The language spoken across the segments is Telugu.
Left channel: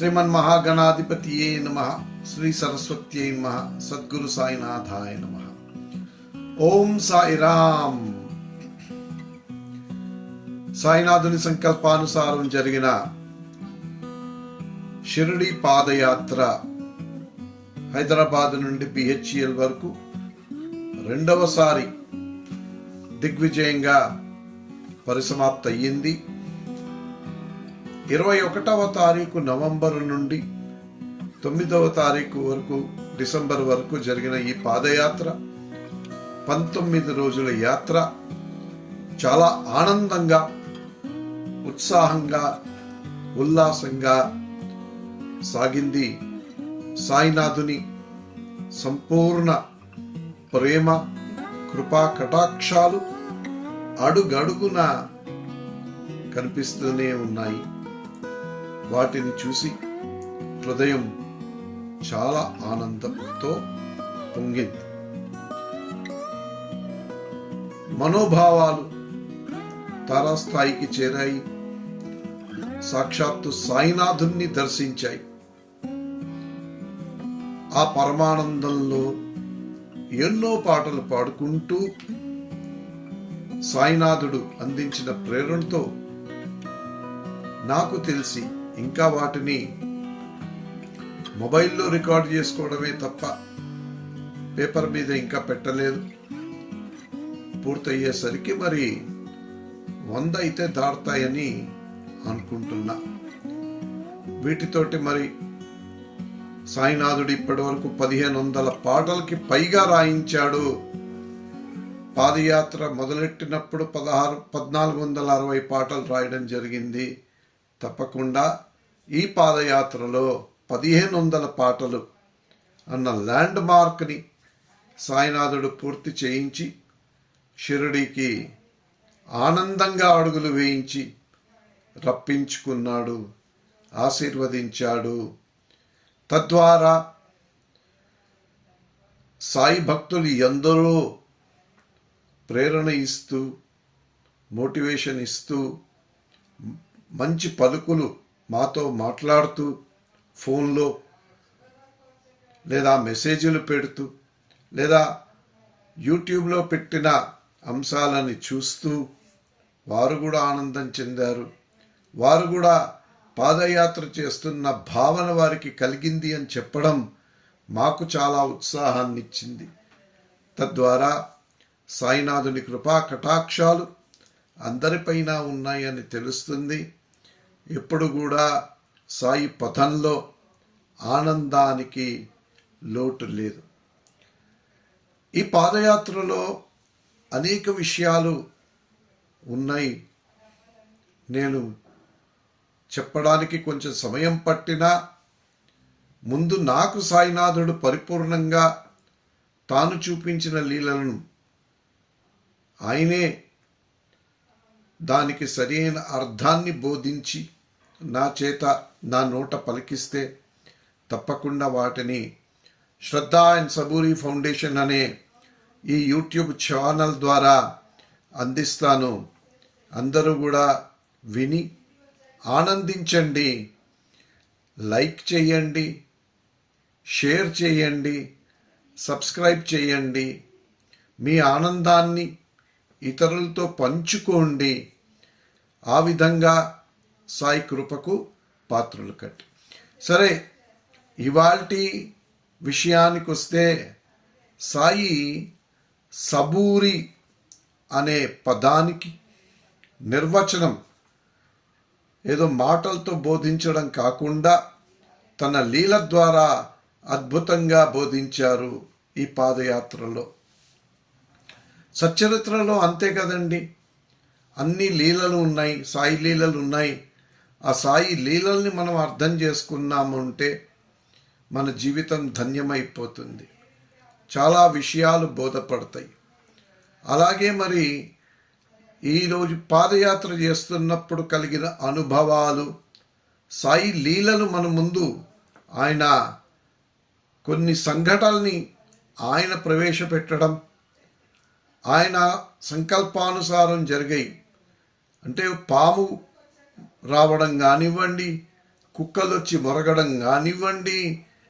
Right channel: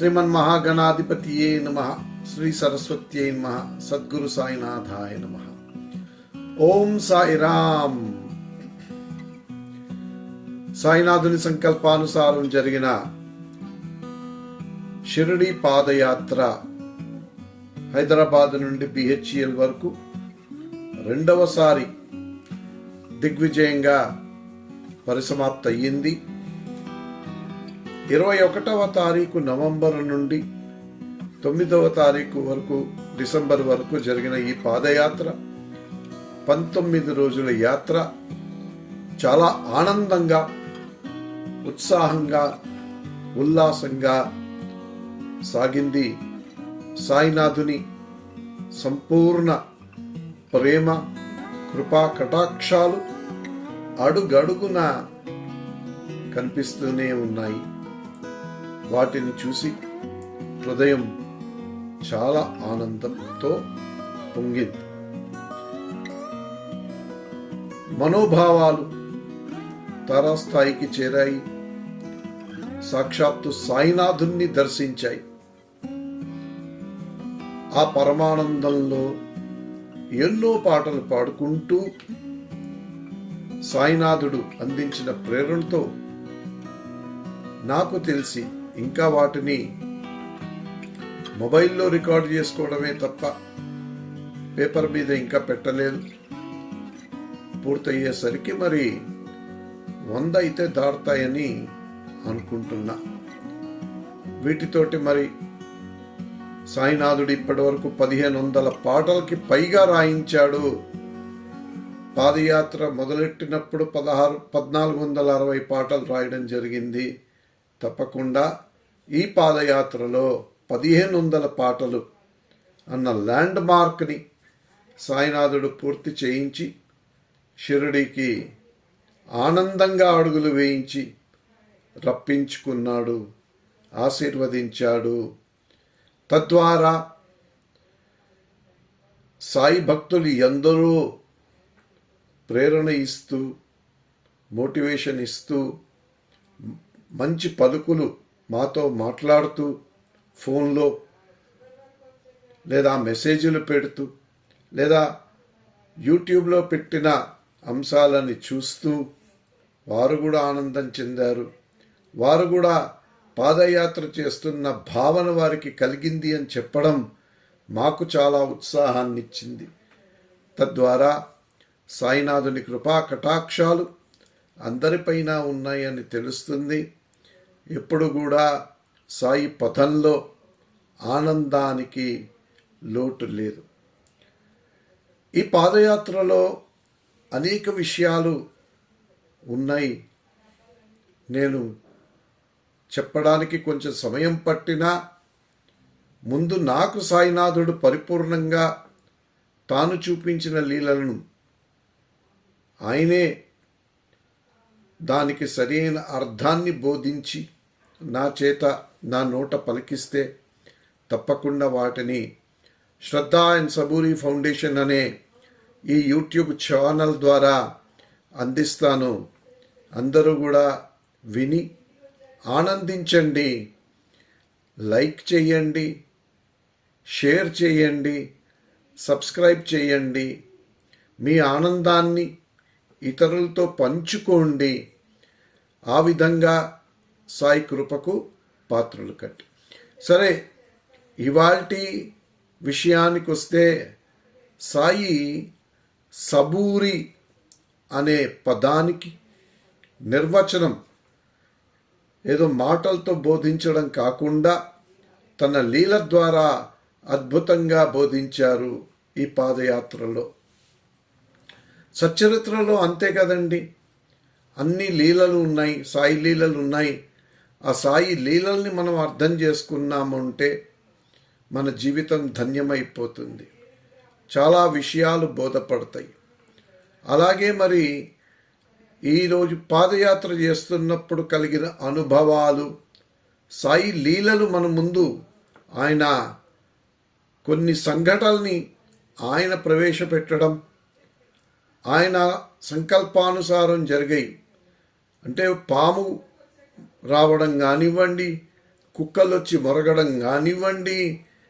శ్రీమన్మహాగణాధిపతియే నమః. శ్రీ సరస్వత్యై నమః. సద్గురు సాయినాథాయ నమః. ఓం సాయిరామ్. సాయినాథుని సంకల్పానుసారం జరిగిన షిరిడి పాదయాత్ర హైదరాబాద్ నుండి బిహెచ్ఎల్ వరకు రెండవసారి దిగ్విజయంగా పరిసమాప్తి అయ్యింది. 21వ తారీఖు నవంబర్ నుండి 9వ తారీఖు వరకు డిసెంబర్ వరకు జరిగిన ఈ పాదయాత్ర 19 రోజుల యాత్ర చాలా ఆనందంగా, ఉత్సాహంగా, ఉల్లాసంగా సాగింది. సాయినాథుని సంపూర్ణ ప్రేమ, కృపా కటాక్షాలు అడుగడుగున కనిపిస్తూనే ఉన్నాయి. వాటిని చూసి హృదయం చాలా ఆనందంతో పొంగింది. మనోభావాలు తారాస్థాయికి చేరాయి. సాక్షాత్తు సాయినాథుణ్ణి దర్శించాయి. ఆ పరమానందంలో ఎన్నో పాటలు పాడుకుంటూ సాయినాథుడు అందించిన ప్రేరణతో నాకు తెలిసి ఇంకా వాటిని మొబైల్లో రికార్డ్ చేసుకోవడమే తప్ప పేపర్ మీద ఇంకా పెట్టలేదు. పూర్తయ్యేసరికి మరి 100 అయితే దాటుతాయని అనుకుంటున్నా. వీటితోటి మరి సాయినాథుడు ఇప్పటి వరకు 1500 పాటలకి పైగా రాయించాడు. పాదయాత్ర మొదలెట్టినప్పుడు 1460 పాటలు రాయడం జరిగింది. తప్పకుండా ఈ పాదయాత్రలో 1500 పాటలు అన్న ల్యాండ్ మార్క్ని సాయినాథుడు పూర్తి చేయించి షిరిడీకి ఆనందంగా అడుగులు వేయించి రప్పించుకున్నాడు, ఆశీర్వదించాడు. తద్వారా సాయి భక్తులు ఎందరో ప్రేరణ ఇస్తూ, మోటివేషన్ ఇస్తూ, మంచి పలుకులు మాతో మాట్లాడుతూ, ఫోన్లో లేదా మెసేజ్లు పెడుతూ, లేదా యూట్యూబ్లో పెట్టిన అంశాలని చూస్తూ వారు కూడా ఆనందం చెందారు. వారు కూడా పాదయాత్ర చేస్తున్న భావన వారికి కలిగింది అని చెప్పడం మాకు చాలా ఉత్సాహాన్ని ఇచ్చింది. తద్వారా సాయినాథుని కృపా కటాక్షాలు అందరిపైన ఉన్నాయని తెలుస్తుంది. ఎప్పుడు కూడా సాయి పథంలో ఆనందానికి లోటు లేదు. ఈ పాదయాత్రలో అనేక విషయాలు ఉన్నాయి. నేను చెప్పడానికి కొంచెం సమయం పట్టినా ముందు నాకు సాయినాథుడు పరిపూర్ణంగా తాను చూపించిన లీలలను ఆయనే దానికి సరైన అర్థాన్ని బోధించి నా చేత నా నోట పలికిస్తే తప్పకుండా వాటిని శ్రద్ధా అండ్ సబూరి ఫౌండేషన్ అనే ఈ యూట్యూబ్ ఛానల్ ద్వారా అందిస్తాను. అందరూ కూడా విని ఆనందించండి, లైక్ చేయండి, షేర్ చేయండి, సబ్స్క్రైబ్ చేయండి. మీ ఆనందాన్ని ఇతరులతో పంచుకోండి. ఆ విధంగా సాయి కృపకు పాత్రలు కట్టి. సరే, ఇవాల్టి విషయానికి వస్తే సాయి సబూరి అనే పదానికి నిర్వచనం ఏదో మాటలతో బోధించడం కాకుండా తన లీల ద్వారా అద్భుతంగా బోధించారు ఈ పాదయాత్రలో. సచ్చరిత్రలో అంతే కదండి, అన్ని లీలలు ఉన్నాయి, సాయి లీలలు ఉన్నాయి. ఆ సాయి లీలల్ని మనం అర్థం చేసుకున్నామంటే మన జీవితం ధన్యమైపోతుంది. చాలా విషయాలు బోధపడతాయి. అలాగే మరి ఈరోజు పాదయాత్ర చేస్తున్నప్పుడు కలిగిన అనుభవాలు, సాయి లీలలు మన ముందు ఆయన కొన్ని సంఘటనల్ని ఆయన ప్రవేశపెట్టడం, ఆయన సంకల్పానుసారం జరిగాయి. అంటే పాము రావడం కానివ్వండి, కుక్కలు వచ్చి మొరగడం కానివ్వండి,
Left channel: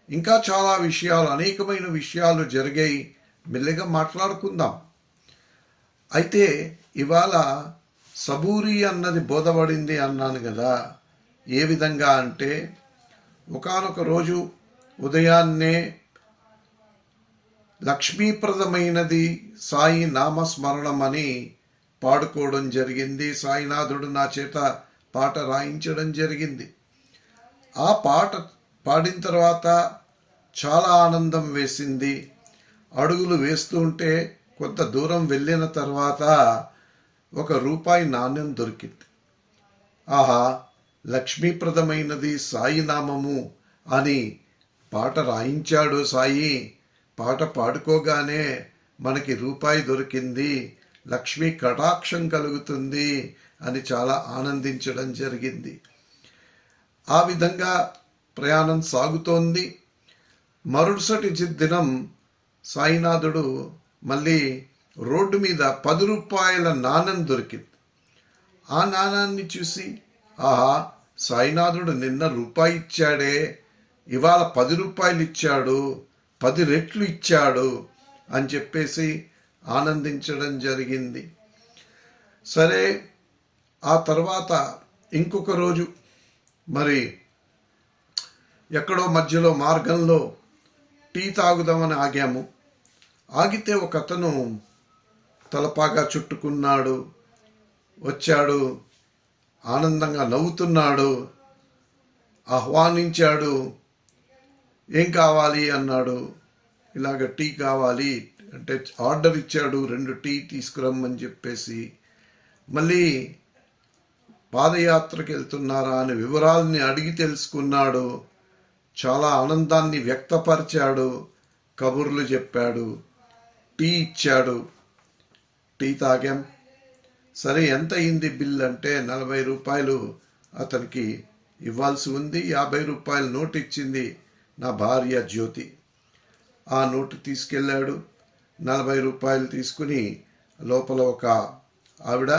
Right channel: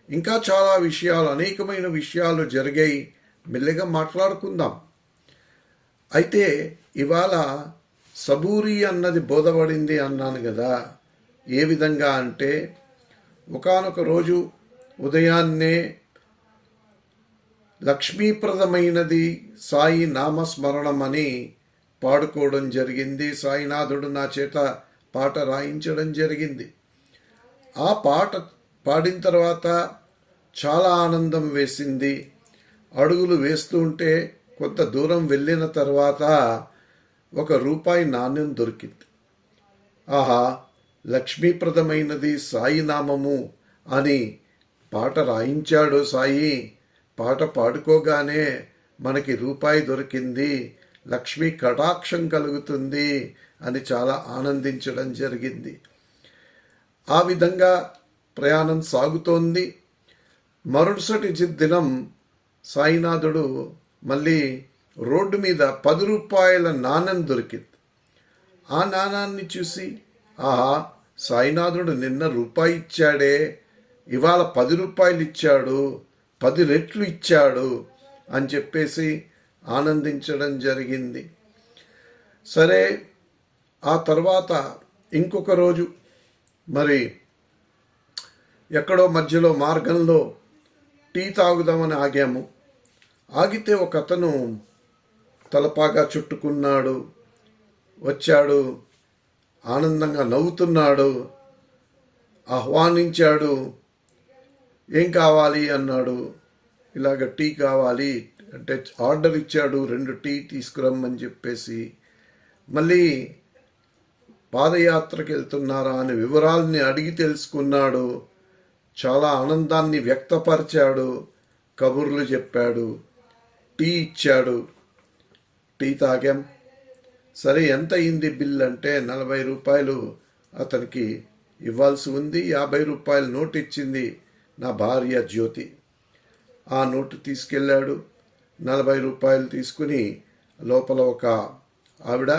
ఇంకా చాలా విషయాలు, అనేకమైన విషయాలు జరిగాయి. మెల్లగా మాట్లాడుకుందాం. అయితే ఇవాళ సబూరి అన్నది బోధపడింది అన్నాను కదా. ఏ విధంగా అంటే, ఒకానొక రోజు ఉదయాన్నే లక్ష్మీప్రదమైనది సాయి నామస్మరణం అని పాడుకోవడం జరిగింది. సాయినాథుడు నా చేత పాట రాయించడం జరిగింది. ఆ పాట పాడిన తర్వాత చాలా ఆనందం వేసింది. అడుగులు వేస్తూ ఉంటే కొంత దూరం వెళ్ళిన తర్వాత ఒక రూపాయి నాణ్యం దొరికింది. ఆహా, లక్ష్మీప్రదమైనది సాయి నామము అని పాట రాయించాడు సాయి. పాట పాడుకోగానే మనకి రూపాయి దొరికింది, లక్ష్మీ కటాక్షం కలుగుతుంది అని చాలా ఆనందించడం జరిగింది. ఆ విధంగా ప్రయాణం సాగుతోంది. మరుసటి దినం సాయినాథుడు మళ్ళీ రోడ్డు మీద 10 రూపాయల నాణెం దొరికింది. ఆ నాణాన్ని చూసి, ఆహా, సాయినాథుడు నిన్న రూపాయి ఇచ్చాడే, ఇవాళ 10 రూపాయలు ఇచ్చాడు, 10 రెట్లు ఇచ్చాడు అని చెప్పేసి ఆనందించడం జరిగింది. సరే, ఆ తర్వాత ఇంకొక రోజు మరి ఎక్కడో మధ్యలో మార్గంలో టీ తాగుదామని ఆగాము. ఆగితే ఒక అతను తలపాగా చుట్టుకున్నాడు, వచ్చాడు, ఆనందంగా నవ్వుతున్నాడు, ఆహ్వానించాడు. ఏం కావాలి అన్నాడు. ఇలాగ టీ కావాలి అంటే ఆర్డర్ ఇచ్చాడు, 2 టీ తీసుకురమ్మని చెప్పేసి. మళ్ళీ పాదయాత్రకి వెళ్తున్నారా అని వివరాలని అడిగి తెలుసుకున్నాడు. చాలా ఆనందాన్ని వ్యక్తపరిచాడు, కబుర్లు చెప్పాడు, టీ ఇచ్చాడు. టీ తాగాం. సరే, ఎంత అయింది బిల్ అంటే 40 రూపాయలు అతనికి ఇవ్వాల్సి ఉంది. 50 రూపాయల నోటు ఇచ్చింది నా భార్య జ్యోతి. ఆ నోటు తీసుకెళ్ళాడు. 40 రూపాయలు తీసుకుని లోపల ఒక ఆవిడ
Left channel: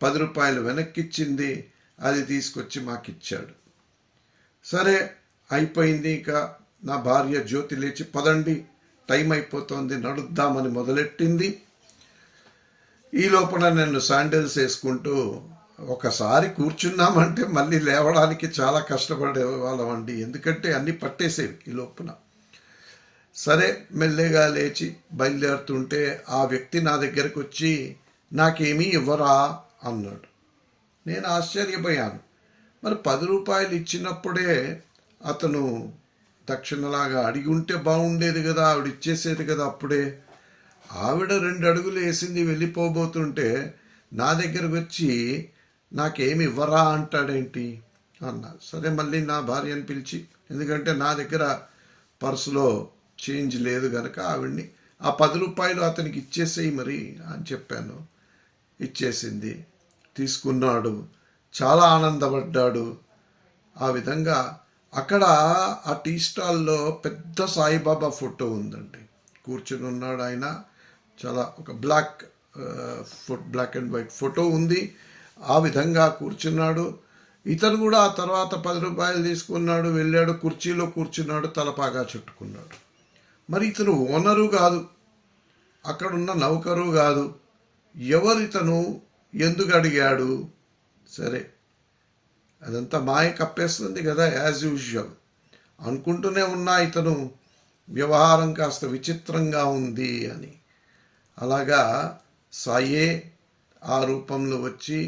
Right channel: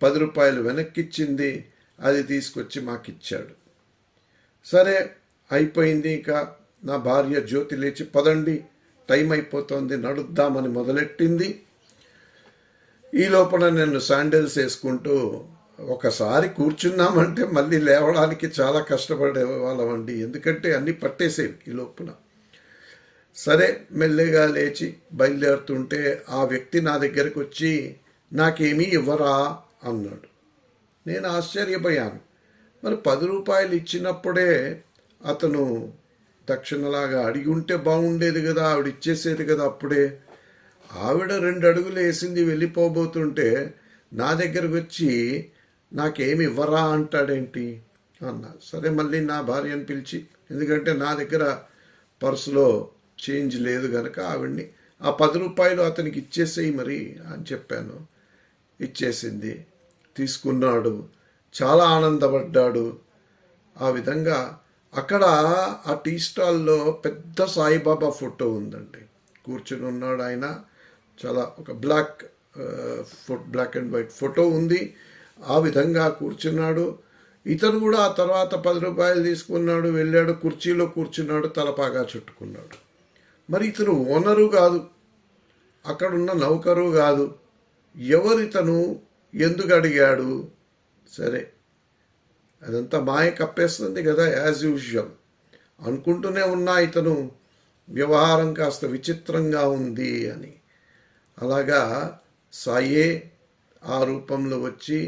10 రూపాయలు వెనక్కిచ్చింది. అది తీసుకొచ్చి మాకిచ్చాడు. సరే, అయిపోయింది. ఇక నా భార్య జ్యోతి లేచి, పదండి టైం అయిపోతుంది, నడుద్దామని మొదలెట్టింది. ఈ లోపల నేను శాండిల్స్ వేసుకుంటూ, ఒకసారి కూర్చున్నామంటే మళ్ళీ లేవడానికి చాలా కష్టపడే వాళ్ళం అండి, ఎందుకంటే అన్నీ పట్టేసేవి ఈ లోపల. సరే, మెల్లగా లేచి బయలుదేరుతుంటే ఆ వ్యక్తి నా దగ్గరకు వచ్చి, నాకేమీ ఇవ్వరా అన్నాడు. నేను ఆశ్చర్యపోయాను. మరి 10 రూపాయలు ఇచ్చినప్పుడే అతను దక్షిణలాగా అడిగి ఉంటే బాగుండేది కదా, ఆవిడ ఇచ్చేసేది కదా అప్పుడే. ఆవిడ 2 అడుగులు వేసింది, వెళ్ళిపోబోతుంటే నా దగ్గరకు వచ్చి నాకేమి ఇవ్వరా అంటాడేంటి అన్నా. సరే, మళ్ళీ నా భార్యను పిలిచి, ఎందుకంటే నా దగ్గర పర్సులో చేంజ్ లేదు కనుక ఆవిడ్ని, ఆ 10 రూపాయలు అతనికి ఇచ్చేసేయి మరి అని చెప్పాను. ఇచ్చేసింది, తీసుకున్నాడు, చాలా ఆనందపడ్డాడు. ఆ విధంగా అక్కడ ఆ టీ స్టాల్లో పెద్ద సాయిబాబా ఫోటో ఉందండి. కూర్చుని ఉన్నాడు ఆయన. చాలా ఒక బ్లాక్ అండ్ వైట్ ఫోటో ఉంది. ఆ విధంగా కూర్చున్నాడు. ఇతను కూడా ఆ తర్వాత 10 రూపాయలు తీసుకున్నాడు, వెళ్ళాడు, కుర్చీలో కూర్చున్నాడు, తలపాగా చుట్టుకున్నాడు. మరి ఇతను ఓనరు కాదు, అక్కడున్న నౌకరు కాదు. ఎవరితను, ఎందుకు అడిగాడు? సరే, అదంతా మాయ కప్పేస్తుంది కదా, యాజ్ యూజువల్ అనుకుంటూనే ఉన్నా ఇతను వ్యవహారం కాస్త విచిత్రంగా ఉంది అని. అలాగా సాయే ఆ రూపంలో వచ్చి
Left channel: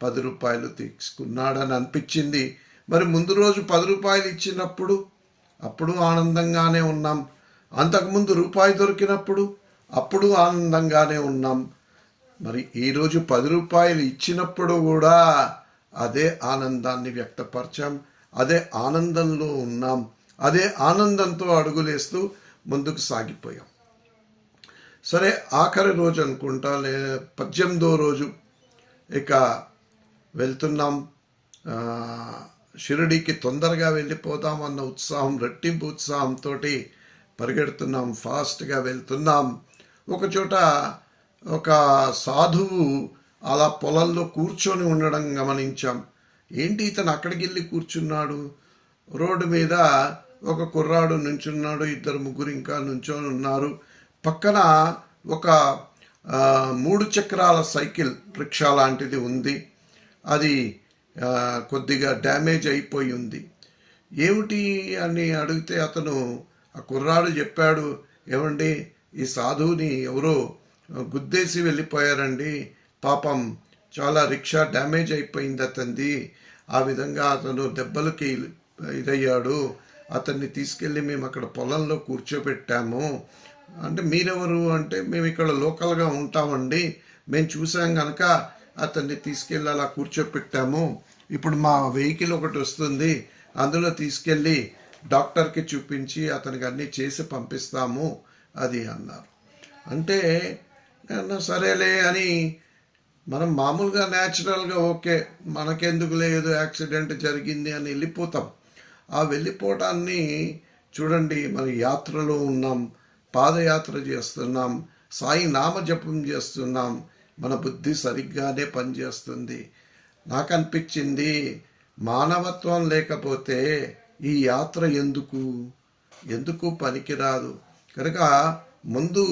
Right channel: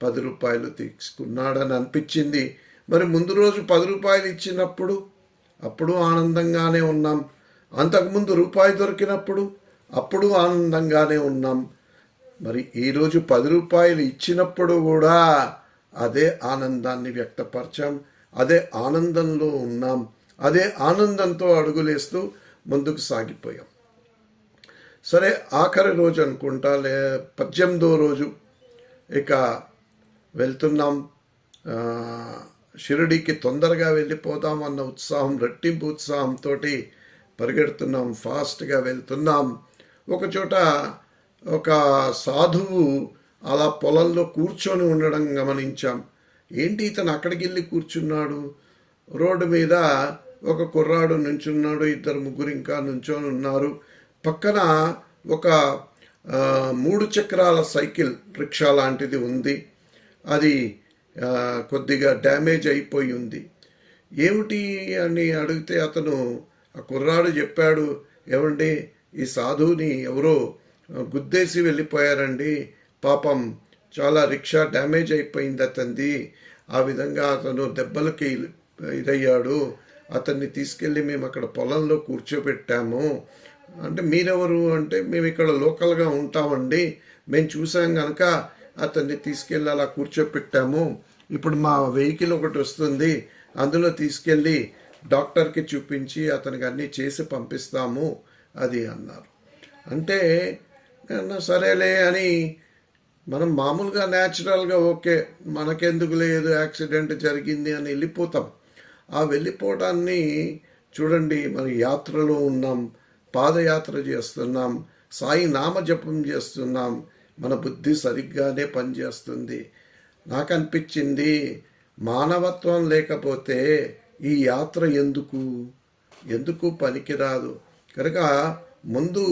10 రూపాయలు తీసుకున్నాడని అనిపించింది. మరి ముందు రోజు 10 రూపాయలు ఇచ్చినప్పుడు అప్పుడు ఆనందంగానే ఉన్నాం. అంతకుముందు రూపాయి దొరికినప్పుడు అప్పుడు ఆనందంగానే ఉన్నాం. మరి ఈరోజు 10 రూపాయలు ఇచ్చినప్పుడు కూడా అదే ఆనందాన్ని వ్యక్తపరిచాం, అదే ఆనందంలో ఉన్నాం, అదే ఆనందంతో అడుగులేస్తూ ముందుకు సాగిపోయాం. సరే, ఆఖరి రోజు అనుకుంటా, 18వ రోజు ఇక వెళ్తున్నాం. షిరిడీకి తొందరగా వెళ్ళిపోదాం అన్న ఉత్సాహం, రెట్టింపు ఉత్సాహంతో పరిగెడుతున్నాం, ఫాస్ట్గా వెళ్తున్నాం. ఒకచోట ఒక సాధువు అలా పొలంలో కూర్చొని ఉండడం గమనించాం. ఏంటి ఇతను అక్కడికి వెళ్ళి కూర్చున్నాడు? రోడ్డు మీద ఒక కుర్రాడు నుంచున్నాడు, ఇద్దరు ముగ్గురు ఇంకా నుంచొని ఉన్నారు. పక్కన ఒక 3 చక్రాల సైకిల్ రిక్షా లాంటిది ఉంది. అది కొద్దిగా డ్యామేజ్ అయిపోయి ఉంది. ఏమిటి అని అడిగితే ఆ కుర్రాడు చెప్పాడు, ఏమండి ఈ సాధువుని ఎవరో గుద్దేసి వెళ్ళిపోయారండి, పాపం చాలా రిక్షా డ్యామేజ్ అయిపోయింది అతనిది, ఆ విధంగా అతను దెబ్బలకి ఇదయ్యాడు, అతన్ని తీసుకెళ్ళి మేము అక్కడ పొలంలో కూర్చోబెట్టాము. అంటే మీరెవరు అంటే, మేము ఇక్కడ లోకల్గా ఉంటామండి, మేము చూసాం కనుక అతన్ని తీసుకెళ్ళి అలా కూర్చోపెట్టాము, ఇప్పుడు మా వెహికల్ ఒకటి వస్తుంది, అందులో తీసుకెళ్ళి డాక్టర్కి చూపించి అతనికి అన్నీ చేసి పంపిస్తాము అది అన్నారు. అంటే సరేలే అని మనం మామూలుగా న్యాచురల్గా ఓకే మనకెందుకు లేదు యాక్సిడెంట్ జరిగింది అని వెళ్ళిపోతాం. ఆ వెళ్ళిపోవటాన్ని చూడండి, మన యాత్రలో ఉన్నాం, పాదయాత్ర చేస్తున్నాం, సాయి నామజపం చేస్తున్నాం, మన బుద్ధి సరిగ్గానే పనిచేస్తుంది. నాకు అనిపించింది మానవత్వం లేకపోతే ఈ యాత్ర ఎందుకు పనికిరాదు. కనుక ముందు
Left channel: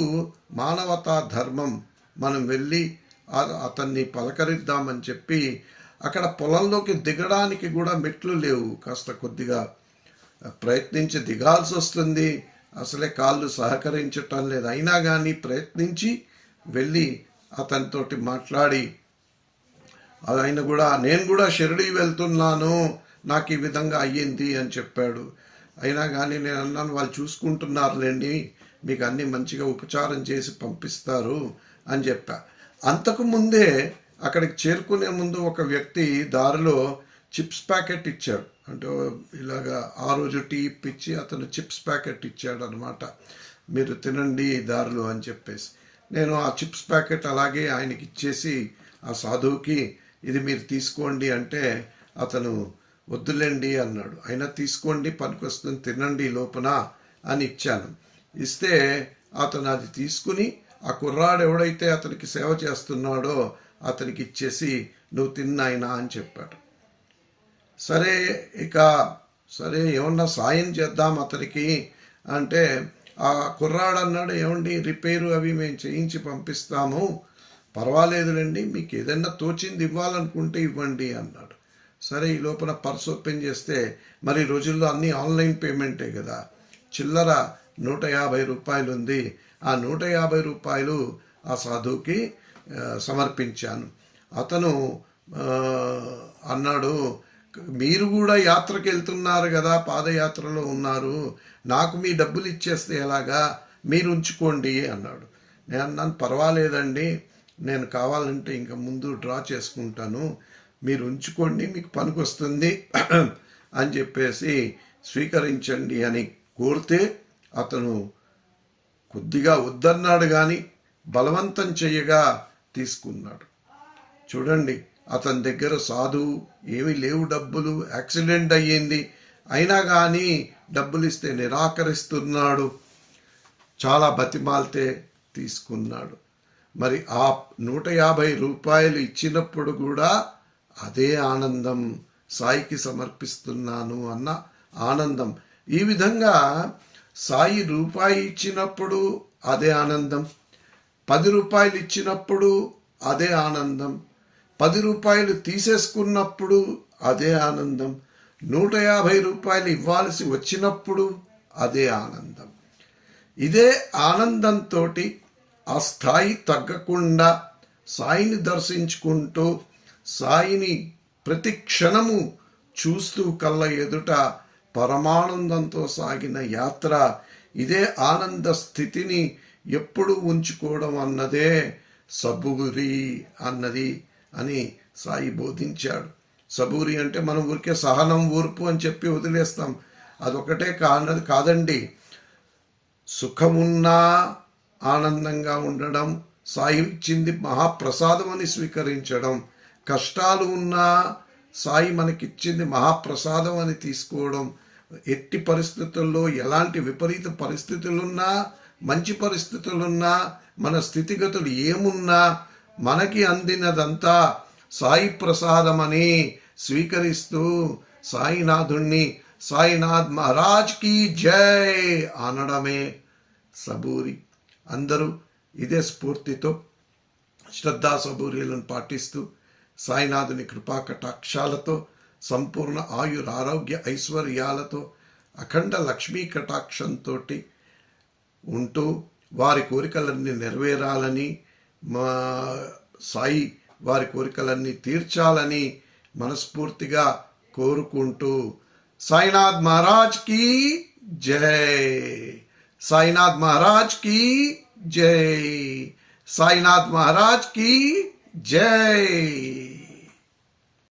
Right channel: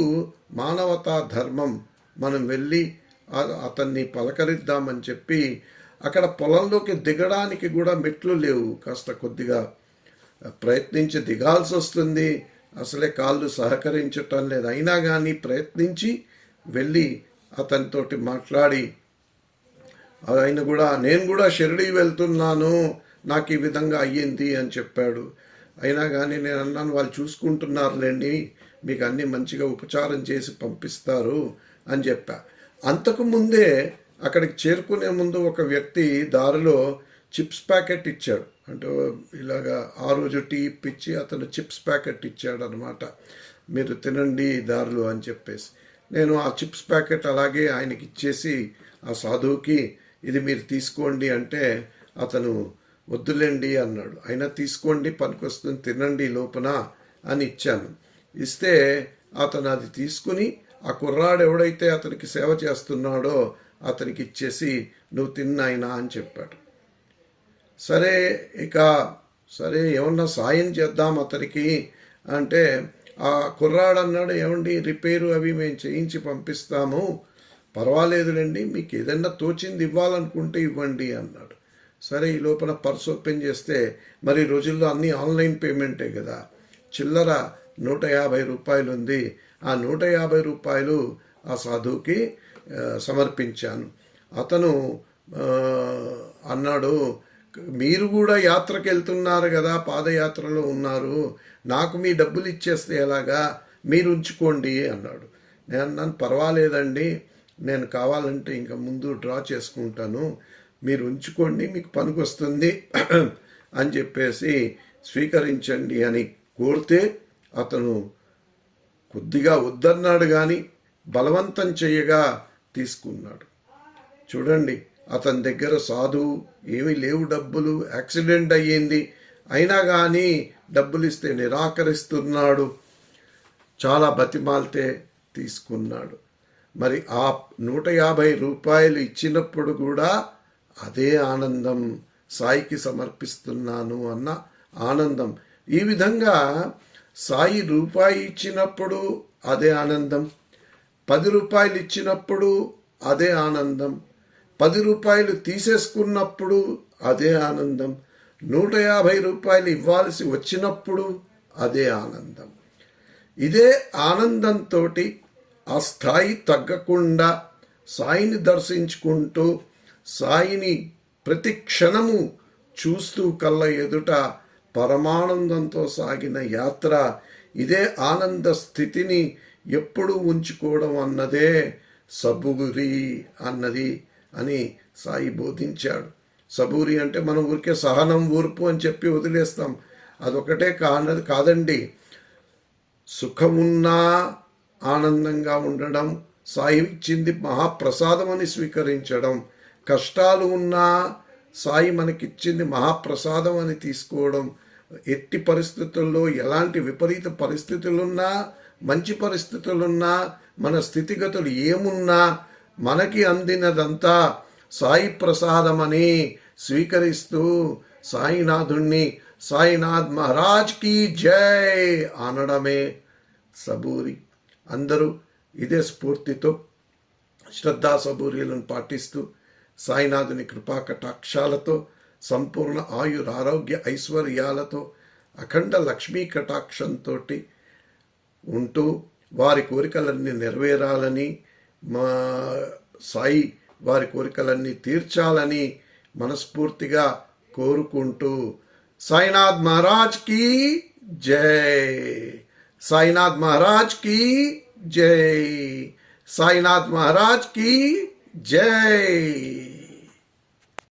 మానవతా ధర్మం మనం వెళ్ళి అతన్ని పలకరిద్దామని చెప్పి అక్కడ పొలంలోకి దిగడానికి కూడా మెట్లు లేవు, కాస్త కొద్దిగా ప్రయత్నించి దిగాల్సి వస్తుంది, అసలే కాళ్ళు సహకరించటం లేదు. అయినా కానీ ప్రయత్నించి వెళ్ళి అతనితోటి మాట్లాడి, ఆయన కూడా నేను కూడా షిరిడీ వెళ్తున్నాను, నాకు ఈ విధంగా అయ్యింది అని చెప్పాడు. అయినా కానీ నేను అన్నాను, వాళ్ళు చూసుకుంటున్నారులేండి, మీకు అన్నీ మంచిగా ఉపచారం చేసి పంపిస్తారు అని చెప్పా. అంతకుముందే అక్కడికి చేరుకునే ముందు ఒక వ్యక్తి దారిలో చిప్స్ ప్యాకెట్ ఇచ్చాడు. అంటే ఇలాగా ఆ రోజు టీ ఇప్పించి అతను చిప్స్ ప్యాకెట్ ఇచ్చాడు అనమాట, మీరు తినండి దారిలో అని చెప్పేసి. నేను ఆ చిప్స్ ప్యాకెట్ అలాగే ఆయనకి ఇచ్చేసి ఆ సాధువుకి ఇది మీరు తీసుకోండి అంటే అతను వద్దులేండి అన్నాడు. అయినా తీసుకోండి పనికొస్తుంది తినండి లోపల అని ఇచ్చాను. ఇస్తే అతను అది తీసుకుని ఆ కుర్రాడు ఎవడైతే అతనికి సేవ చేస్తున్నాడో అతనికి ఇచ్చేసి నువ్వు తిన్నాయినా అని చెప్పాడు. సరే ఏమన్నా సాయం చేద్దాం అతనికి అంటే ఆ కుర్రాడు అన్నాడు, ఏమండి రిపేరు అవి మేము చేయించి పంపిస్తాము, పర్వాలేదులేండి, మీకు ఏదైనా తోచింది ఇవ్వాలనుకుంటే ఇవ్వండి అన్నాడు. సరే ఈ లోపల పర్స్ ఓపెన్ చేస్తే మరి రోజుల్లో అన్నీ ఆన్లైన్ పేమెంటే కదా, చిల్లర 150 రూపాయలు ఉంది. ఆ 150 రూపాయలు ఆ సాధువుకి సమర్పించాను. అతను అన్నాడు, మీరు కూడా యాత్రకి వెళ్తున్నారు కదా, పాదయాత్రలో ఉన్నారు, నాకు మీ డబ్బులు ఇచ్చేస్తే ఎలాగా, మీరు ఉంచుకోండి అన్నాడు. నేను అన్నాను, పర్వాలేదండి, నేను కావాలంటే ఇంకా ముందు డ్రా చేసుకుంటాను, మీరు ఉంచుకోండి, మీకు పనికొస్తుంది అని చెప్పేసి స్వీకరించండి అని కోరితే అతను కొద్దిగా వద్దన్నాడు, కానీ బలవంతం చేయగా తీసుకున్నాడు. చూడండి, అతని దగ్గర సాధువు ఏమీ లేవు డబ్బులు, యాక్సిడెంట్ అయ్యింది, అయినా కానీ డబ్బులు ఇస్తే నిరాకరిస్తున్నాడు. చాలా బతిమాలితే తీసుకున్నాడు. మరి ఆ 150 రూపాయలు ఇచ్చినప్పుడు కూడా అదే ఆనందం, సాయికి సమర్పిస్తున్నాను అన్న ఆనందం. ఈ విధంగా సాయి రూపాయి ఇచ్చినప్పుడు అదే ఆనందం, 10 రూపాయలు ఇచ్చినప్పుడు అదే ఆనందం, 10 రూపాయలు తీసేసుకున్నప్పుడు అదే ఆనందం, 150 రూపాయలు ఇవ్వాల్సి వచ్చినప్పుడు అదే ఆనందం. ఇదే ఆనందంతో ఆ స్థాయి తగ్గకుండా సాయిని దర్శించుకుంటూ సాయిని ప్రతి క్షణము చూస్తూ కళ్ళ ఎదుట పరమానందంతో సాగిన యాత్ర. ఇదే ఆనంద స్థితిని ఎప్పుడు ఉంచుకోవడం అన్నదే సబూరి అన్నది అని సాయి బోధించాడు. సబూరి అంటే మనం ఊరికే సహనం, ఓర్పు అని చెప్పి వదిలేస్తాం, అదొకటే కాదండి. సుఖమున్నా ఆనందంగా ఉండడం, సాయి ఇచ్చింది మహాప్రసాదం అని స్వీకరించడం, కష్టాలు ఉన్నా సాయి మనకిచ్చింది మహాప్రసాదం అని తీసుకోవడం, ఎట్టి పరిస్థితుల్లో ఎలాంటి విపరీత పరిస్థితులున్నా మంచి పరిస్థితులున్నా మన స్థితిగతులు ఏమున్నా మనకి అందినదంతా సాయి ప్రసాదమని స్వీకరిస్తూ సాయినాథుణ్ణి సాయినాథ్ మహారాజ్ కి జై అనడమే సబూరి. అందరూ ఇదే స్ఫూర్తితో శ్రద్ధా సబూరీలను పాటిస్తూ సాయినాథుని కృపా కటాక్షాలతో సంపూర్ణ ఆయురారోగ్య ఐశ్వర్యాలతో అఖండ లక్ష్మీ కటాక్షంతో ఉంటూ వారి కోరికలన్నీ నెరవేరాలని, మా సాయి వారి కోరికలన్నీ తీర్చాలని మనస్ఫూర్తిగా కోరుకుంటూ సాయినాథ్ మహారాజ్ కి జై, సాయినాథ్ మహారాజ్ కి జై, సాయినాథ్ మహారాజ్ కి జై.